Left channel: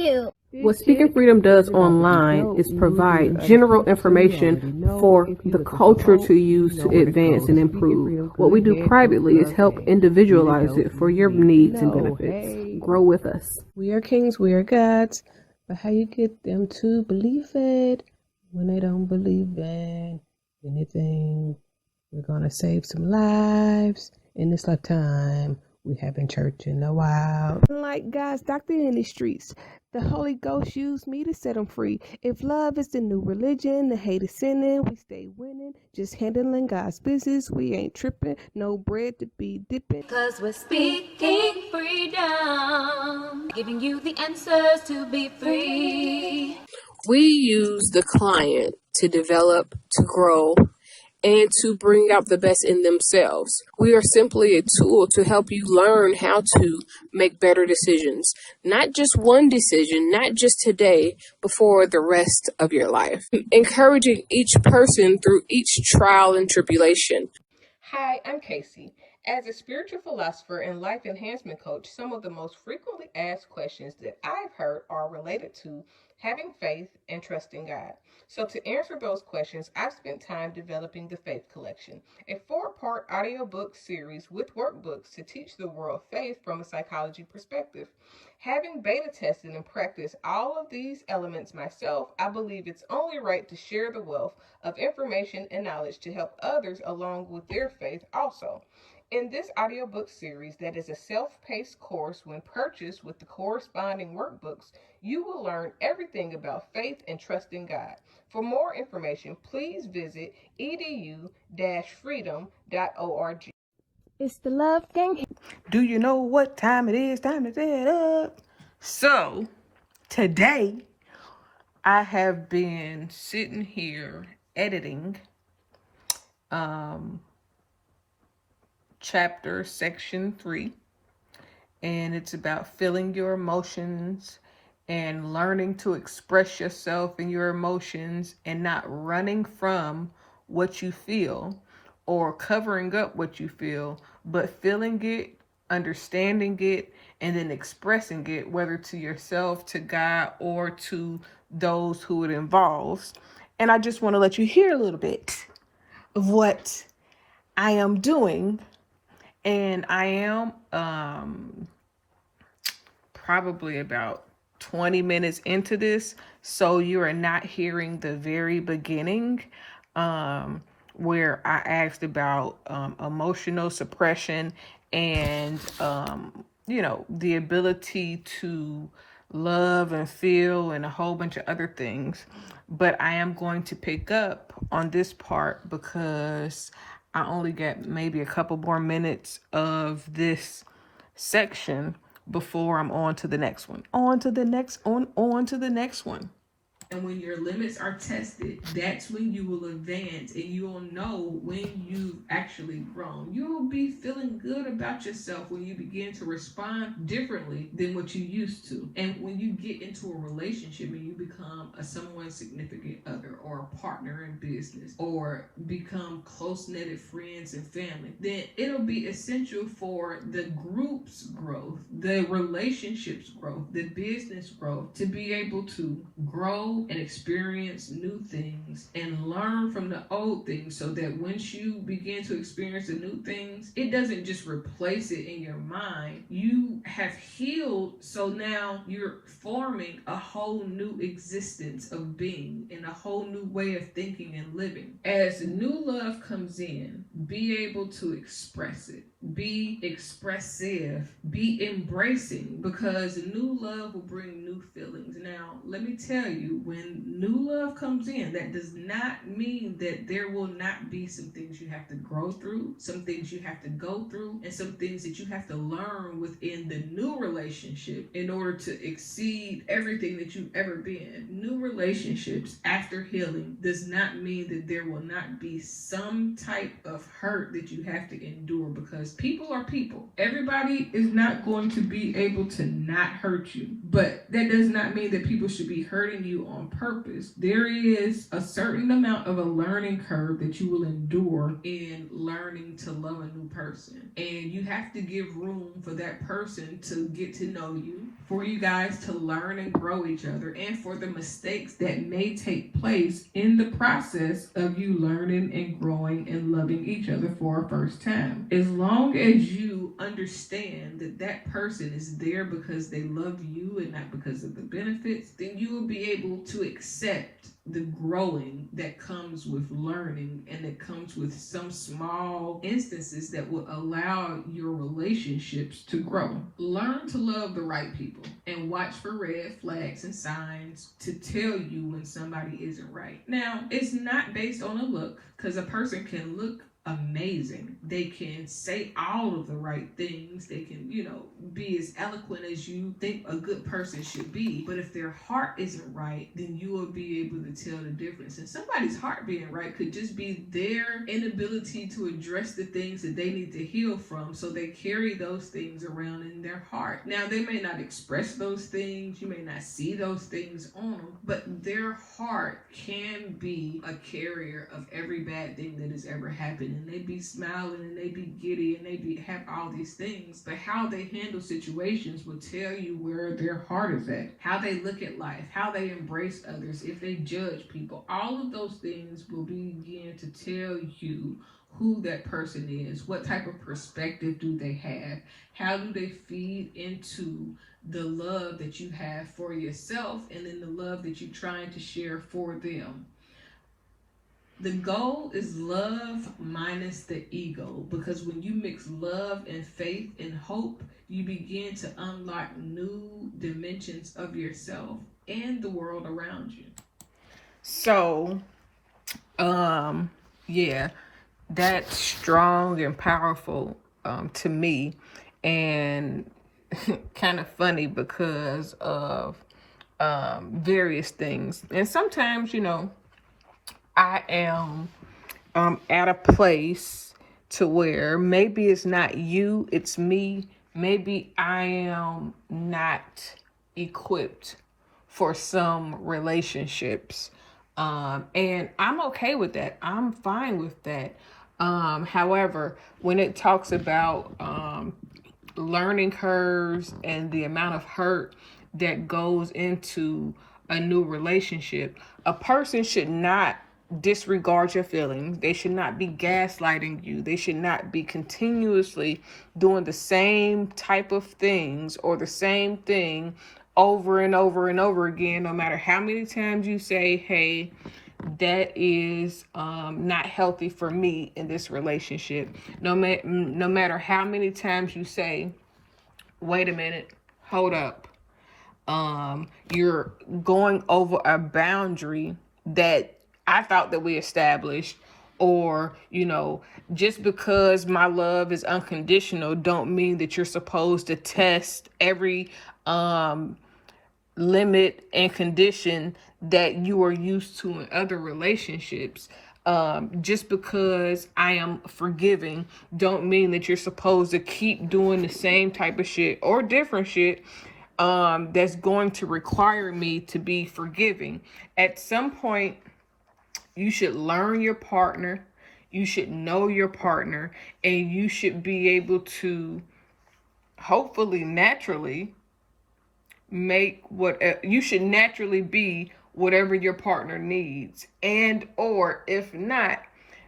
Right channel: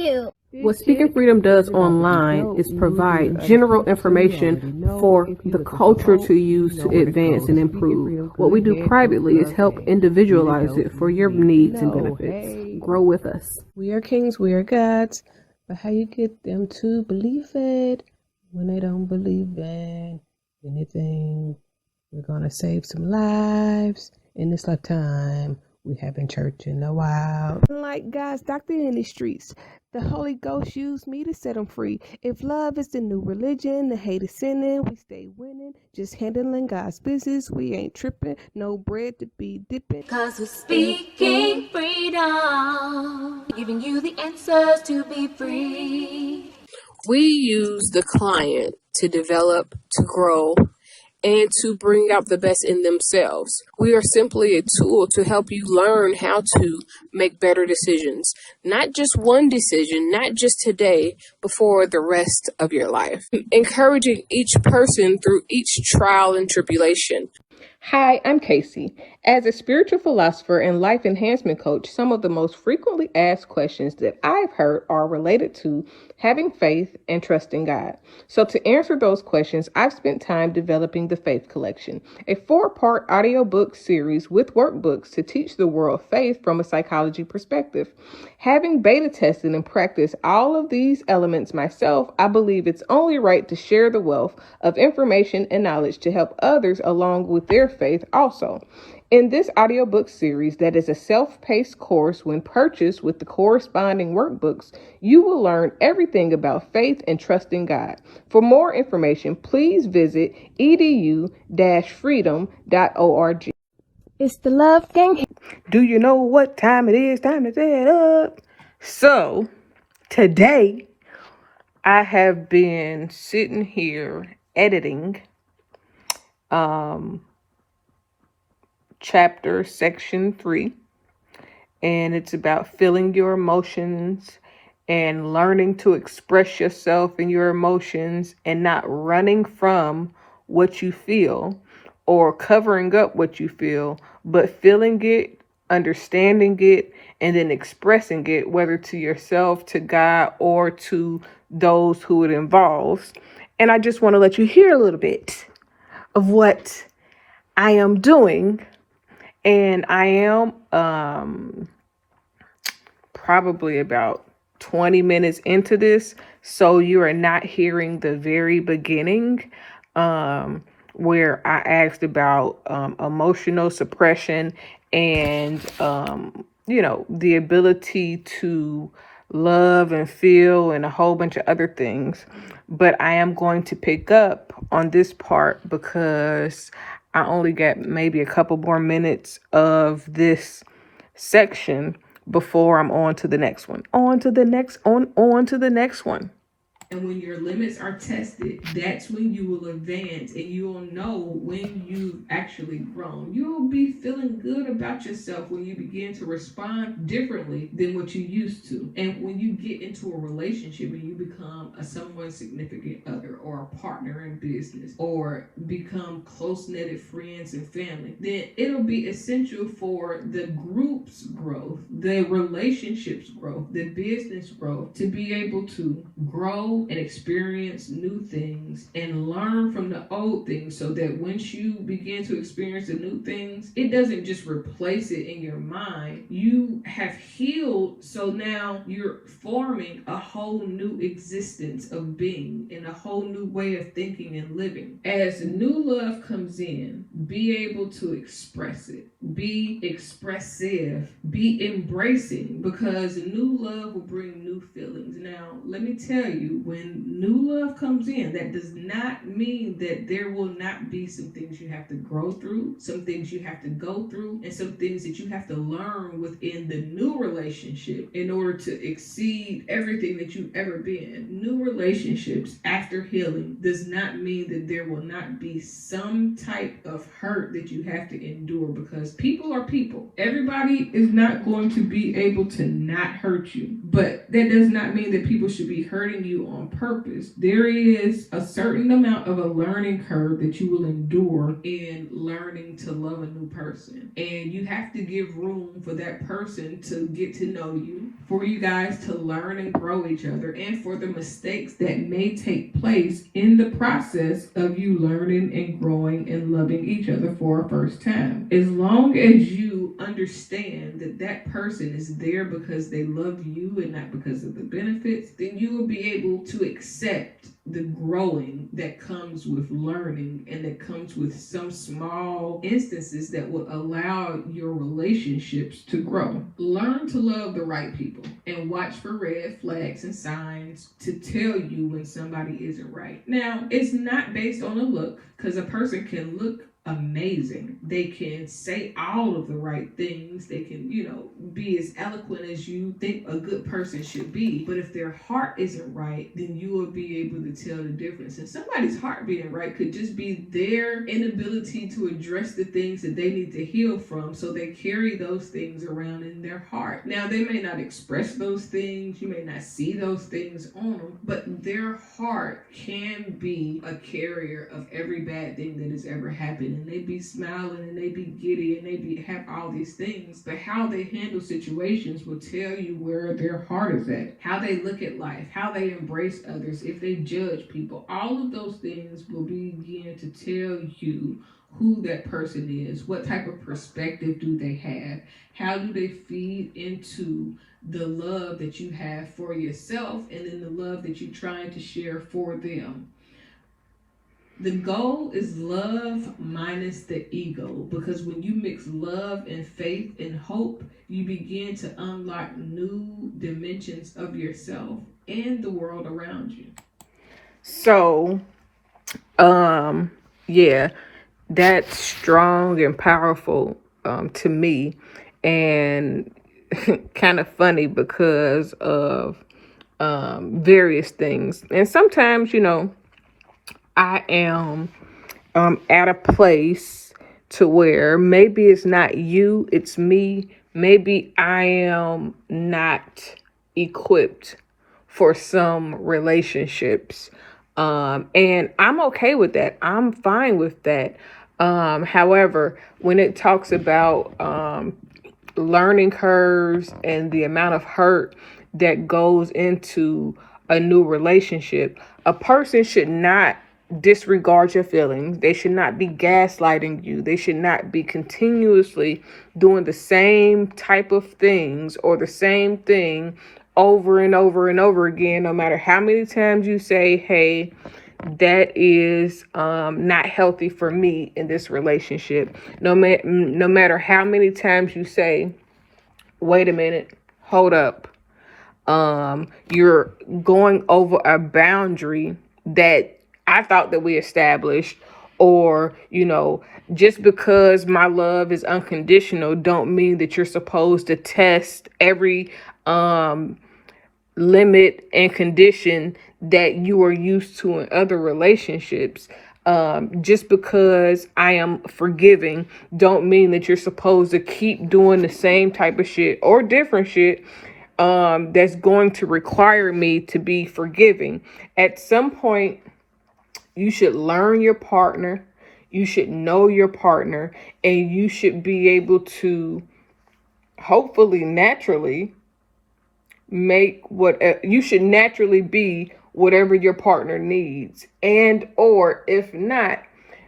you. What Speaking Freedom does online is provide general information for the culture to use to advance and improve. What we do privately is help individualize it for your needs and benefits. Grow with us. We are kings, we are gods, but how you get them to believe it when they don't believe in anything? We're going to save some lives in this lifetime. We haven't church in a while. Like God's doctor in the streets, the Holy Ghost used me to set them free. If love is the new religion, the hate is sinning, we stay winning. Just handling God's business, we ain't tripping. No bread to be dipping. 'Cause we're speaking freedom, giving you the answers to be free. We use the client to develop, to grow, and to bring out the best in themselves. We are simply a tool to help you learn how to make better decisions. Not just one decision, not just today, but for the rest of your life. Encouraging each person through each trial and tribulation. Hi, I'm Kaci. As a spiritual philosopher and life enhancement coach, some of the most frequently asked questions that I've heard are related to having faith and trusting God. So to answer those questions, I've spent time developing the Faith Collection, a 4-part audiobook series with workbooks to teach the world faith from a psychology perspective. Having beta tested and practiced all of these elements myself, I believe it's only right to share the wealth of information and knowledge to help others along with their faith also. In this audiobook series that is a self-paced course, when purchased with the corresponding workbooks, you will learn everything about faith and trusting God. For more information, please visit edu-freedom.org. It's the Love Gang. Do you know what time it is? Time to set up. So, today, I have been sitting here editing chapter section 3, and it's about feeling your emotions and learning to express yourself and your emotions and not running from what you feel or covering up what you feel, but feeling it, understanding it, and then expressing it, whether to yourself, to God, or to those who it involves. And I just want to let you hear a little bit of what I am doing. And I am probably about 20 minutes into this, so you are not hearing the very beginning where I asked about emotional suppression and, the ability to love and feel and a whole bunch of other things. But I am going to pick up on this part because I only got maybe a couple more minutes of this section before I'm on to the next one. On to the next one. And when your limits are tested, that's when you will advance and you will know when you've actually grown. You'll be feeling good about yourself when you begin to respond differently than what you used to. And when you get into a relationship and you become a someone's significant other or a partner in business or become close-knitted friends and family, then it'll be essential for the group's growth, the relationships growth, the business growth to be able to grow and experience new things and learn from the old things, so that once you begin to experience the new things, it doesn't just replace it in your mind. You have healed, so now you're forming a whole new existence of being and a whole new way of thinking and living. As new love comes in, be able to express it, be expressive, be embracing, because new love will bring new feelings. Now, let me tell you, when new love comes in, that does not mean that there will not be some things you have to grow through, some things you have to go through, and some things that you have to learn within the new relationship in order to exceed everything that you've ever been. New relationships after healing does not mean that there will not be some type of hurt that you have to endure, because people are people. Everybody is not going to be able to not hurt you, but that does not mean that people should be hurting you on purpose. There is a certain amount of a learning curve that you will endure in learning to love a new person, and you have to give room for that person to get to know you, for you guys to learn and grow each other, and for the mistakes that may take place in the process of you learning and growing and loving each other for a first time. As long as you understand that that person is there because they love you and not because of the benefits, then you will be able to accept the growing that comes with learning, and that comes with some small instances that will allow your relationships to grow. Learn to love the right people and watch for red flags and signs to tell you when somebody isn't right. Now, it's not based on a look, because a person can look amazing. They can say all of the right things. They can, be as eloquent as you think a good person should be. But if their heart isn't right, then you will be able to tell the difference. And somebody's heart being right could just be their inability to address the things that they need to heal from. So they carry those things around in their heart. Now, they may not express those things. You may not see those things on them, but their heart can be a carrier of every bad thing that has ever happened. And they be smiling and they be giddy and they have all these things, but how they handle situations will tell you where their heart is at, how they look at life, how they embrace others, if they judge people. All of those things will begin to tell you who that person is, what type of perspective do they have, how do they feed into the love that you have for yourself and then the love that you're trying to share for them. The goal is love minus the ego, because when you mix love and faith and hope, you begin to unlock new dimensions of yourself and the world around you. So, that's strong and powerful to me, and kind of funny because of various things. And sometimes, I am at a place to where maybe it's not you, it's me. Maybe I am not equipped for some relationships. And I'm okay with that. I'm fine with that. However, when it talks about learning curves and the amount of hurt that goes into a new relationship, a person should not disregard your feelings. They should not be gaslighting you. They should not be continuously doing the same type of things or the same thing over and over and over again, no matter how many times you say, hey, that is not healthy for me in this relationship. No matter how many times you say, wait a minute, hold up. You're going over a boundary that I thought that we established, or, just because my love is unconditional don't mean that you're supposed to test every limit and condition that you are used to in other relationships. Just because I am forgiving don't mean that you're supposed to keep doing the same type of shit or different shit that's going to require me to be forgiving. At some point, you should learn your partner, you should know your partner, and you should be able to hopefully naturally you should naturally be whatever your partner needs. And or if not,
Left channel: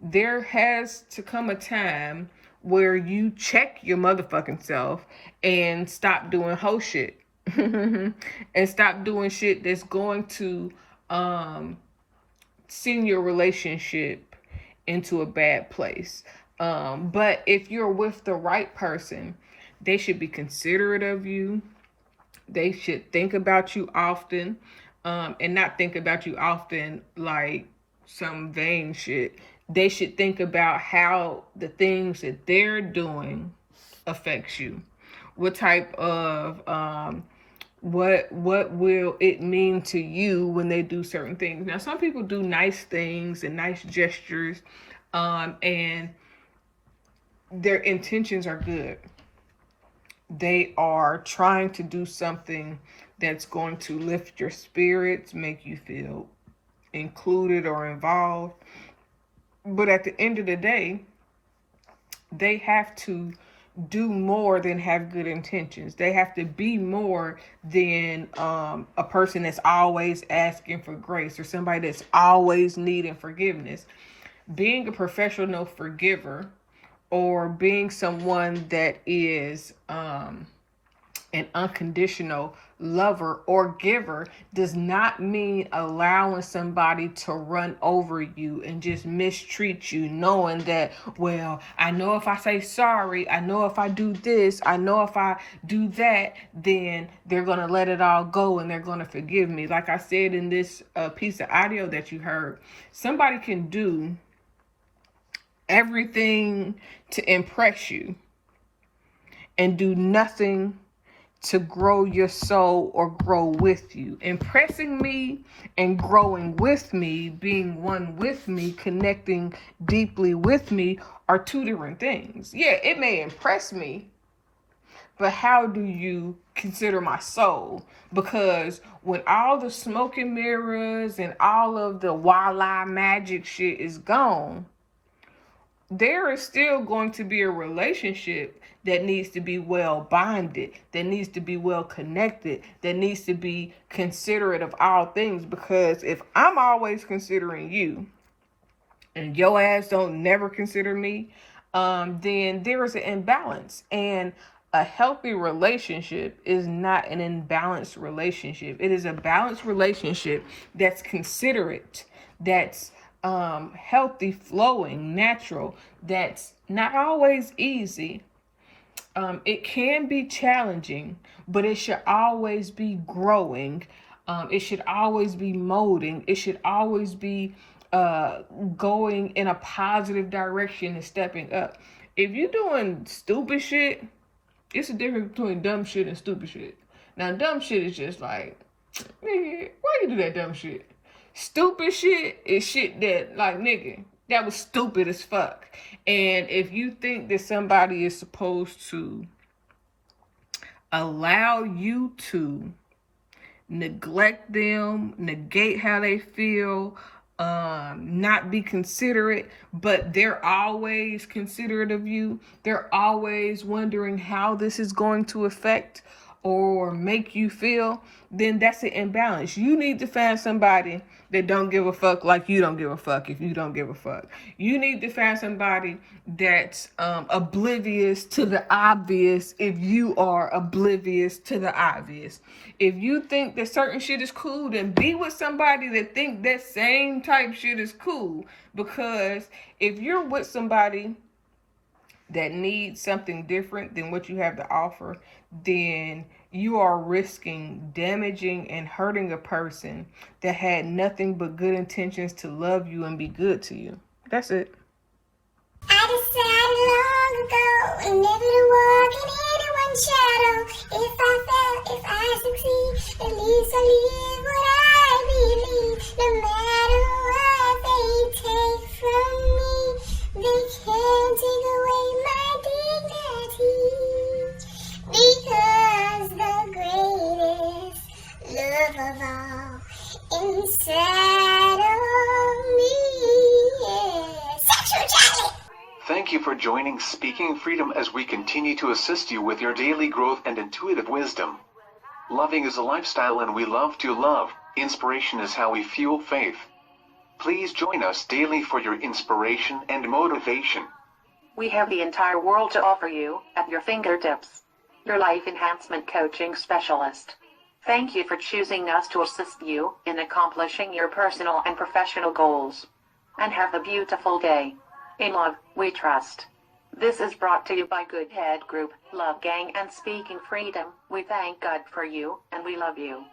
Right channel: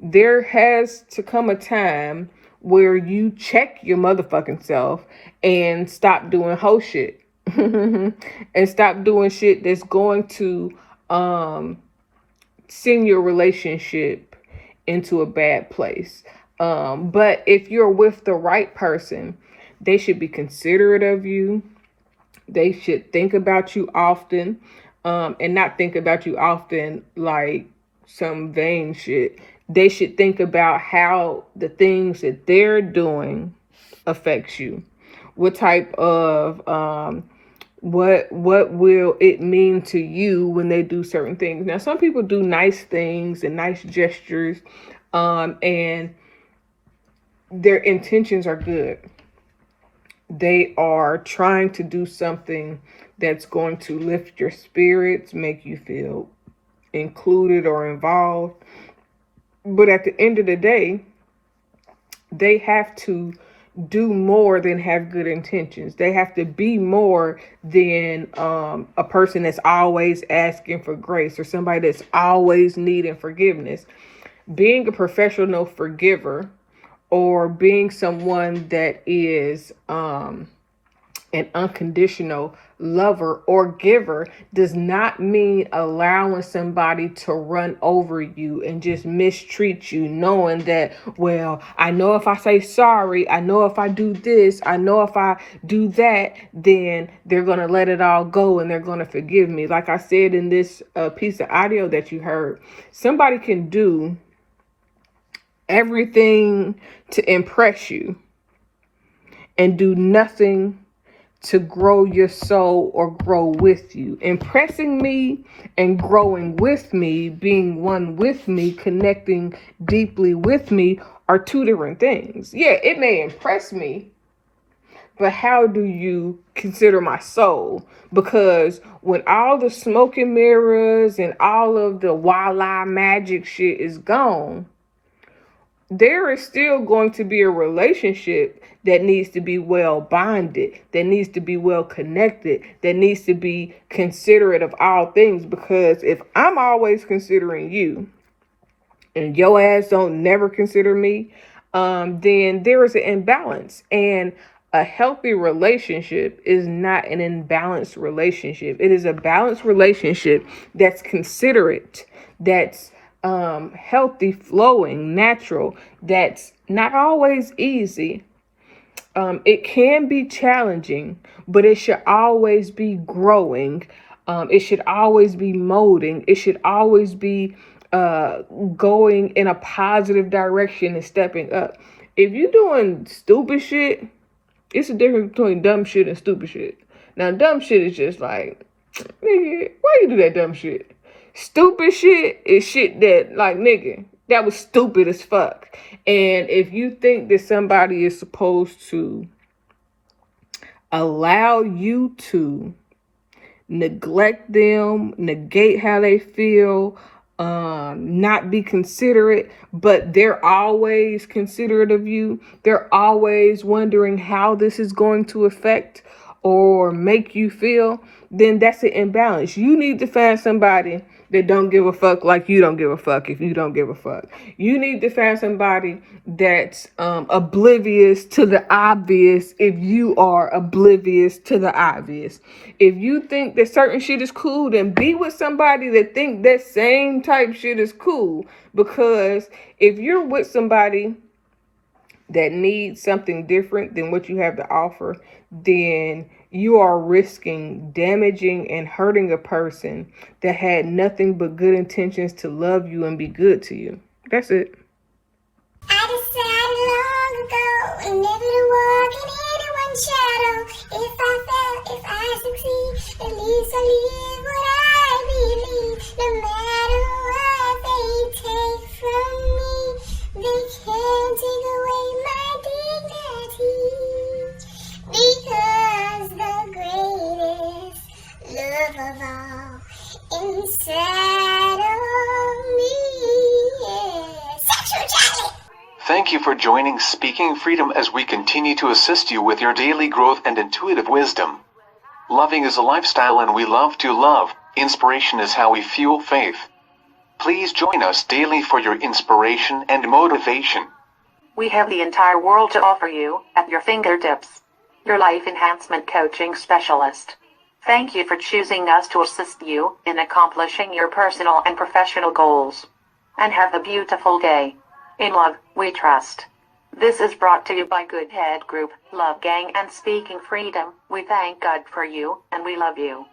there has to come a time where you check your motherfucking self and stop doing hoe shit. And stop doing shit that's going to send your relationship into a bad place. But if you're with the right person, they should be considerate of you. They should think about you often, and not think about you often like some vain shit. They should think about how the things that they're doing affects you. What type of what will it mean to you when they do certain things? Now, some people do nice things and nice gestures, and their intentions are good. They are trying to do something that's going to lift your spirits, make you feel included or involved. But at the end of the day, they have to do more than have good intentions. They have to be more than a person that's always asking for grace or somebody that's always needing forgiveness. Being a professional forgiver or being someone that is an unconditional lover or giver does not mean allowing somebody to run over you and just mistreat you, knowing that, well, I know if I say sorry, I know if I do this, I know if I do that, then they're going to let it all go and they're going to forgive me. Like I said in this piece of audio that you heard, somebody can do everything to impress you and do nothing to grow your soul or grow with you. Impressing me and growing with me, being one with me, connecting deeply with me are two different things. Yeah, it may impress me, but how do you consider my soul? Because when all the smoke and mirrors and all of the voila magic shit is gone, there is still going to be a relationship that needs to be well bonded, that needs to be well connected, that needs to be considerate of all things. Because if I'm always considering you and your ass don't never consider me, then there is an imbalance. And a healthy relationship is not an imbalanced relationship. It is a balanced relationship that's considerate, that's healthy, flowing, natural, that's not always easy. It can be challenging, but it should always be growing. It should always be molding. It should always be going in a positive direction and stepping up. If you're doing stupid shit, it's a difference between dumb shit and stupid shit. Now, dumb shit is just like, nigga, why you do that dumb shit? Stupid shit is shit that, like, nigga, that was stupid as fuck. And if you think that somebody is supposed to allow you to neglect them, negate how they feel, not be considerate, but they're always considerate of you, they're always wondering how this is going to affect or make you feel, then that's an imbalance. You need to find somebody that don't give a fuck like you don't give a fuck if you don't give a fuck. You need to find somebody that's oblivious to the obvious if you are oblivious to the obvious. If you think that certain shit is cool, then be with somebody that think that same type shit is cool. Because if you're with somebody that needs something different than what you have to offer, then you are risking damaging and hurting a person that had nothing but good intentions to love you and be good to you. That's it. I decided long ago never to walk in anyone's shadow. If I fail, if I succeed, at least I live what I believe. No matter what they take from me, they can't take away my dignity. Because the greatest love of all inside of me is sexual chocolate. Thank you for joining Speaking Freedom as we continue to assist you with your daily growth and intuitive wisdom. Loving is a lifestyle and we love to love. Inspiration is how we fuel faith. Please join us daily for your inspiration and motivation. We have the entire world to offer you at your fingertips. Your life enhancement coaching specialist. Thank you for choosing us to assist you in accomplishing your personal and professional goals. And have a beautiful day. In love, we trust. This is brought to you by Good Head Group, Love Gang and Speaking Freedom. We thank God for you, and we love you.